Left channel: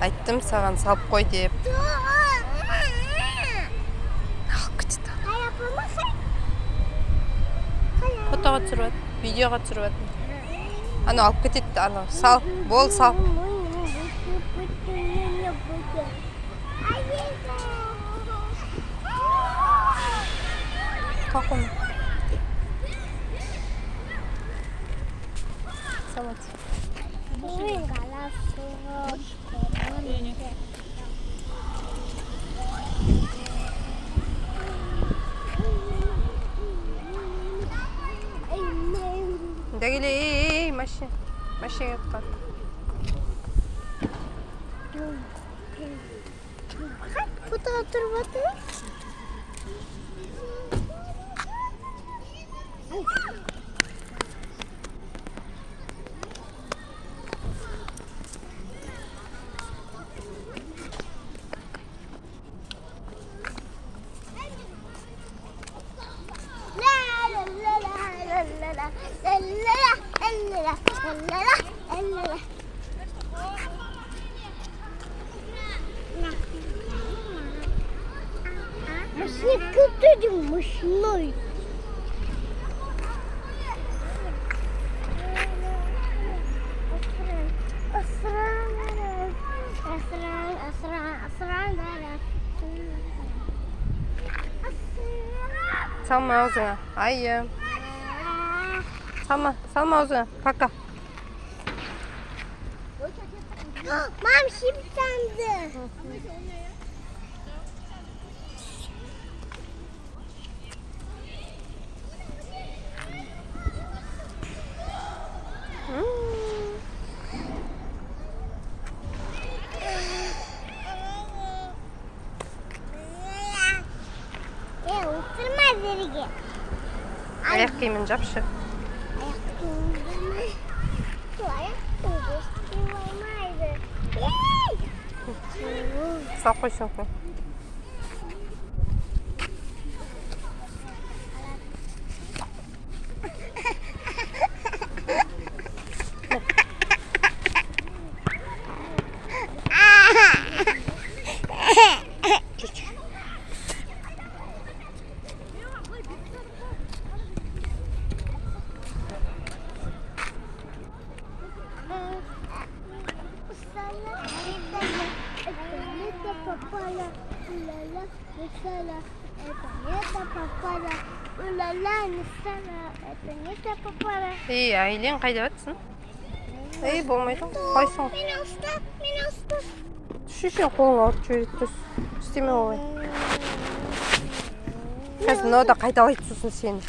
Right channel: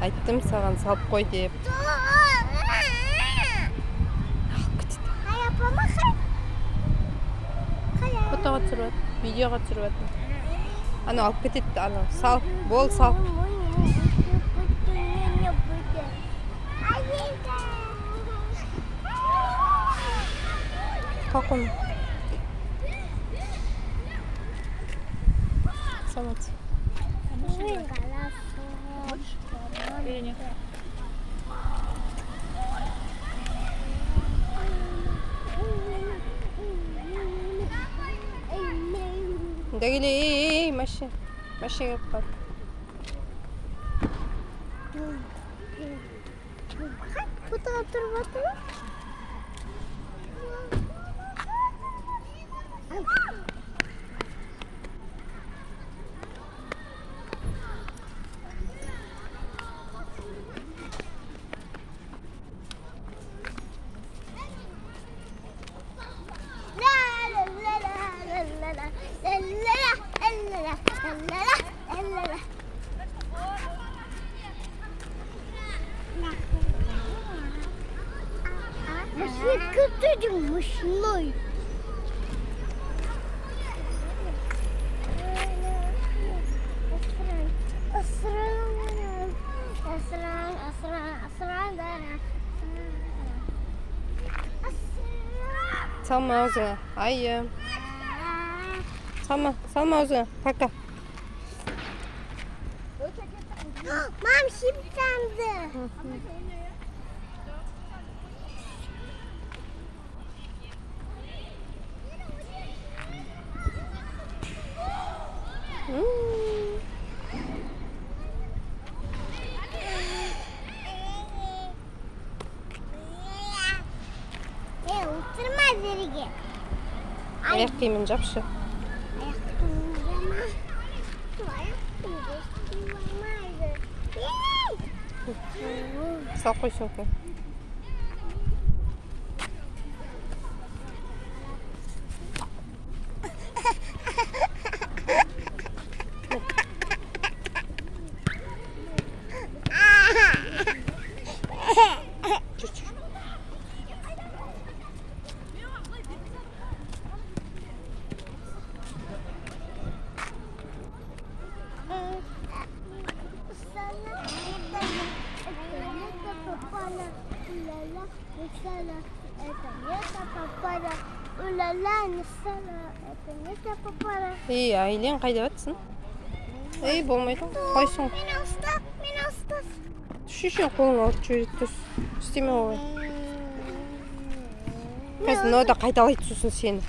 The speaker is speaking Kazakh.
Айттым саған салып қой деп. Алып кетті. Фотоға түсіріп жатыр, видеоға түсіріп жатыр. Ана алып кетеді, ана сал, бол сал. Какой? Самот. Дагили, машина. Машина кат. Куда оторваться? Машина kötüydü, машиной. Салма аузыңа. Айым. Салма аузыңа. Пока. Мам, шипшанды. Oturma derige. Аяқ киімін жапшы. Сал қой сөмкені. Ей, Айлен қайда жатсың? Ей, болмайды. Қойсың. Мені ұстап. Шешен қолыңа алып жібереді. Істеме олай. Қазір мынау да қайталайды сосын сені.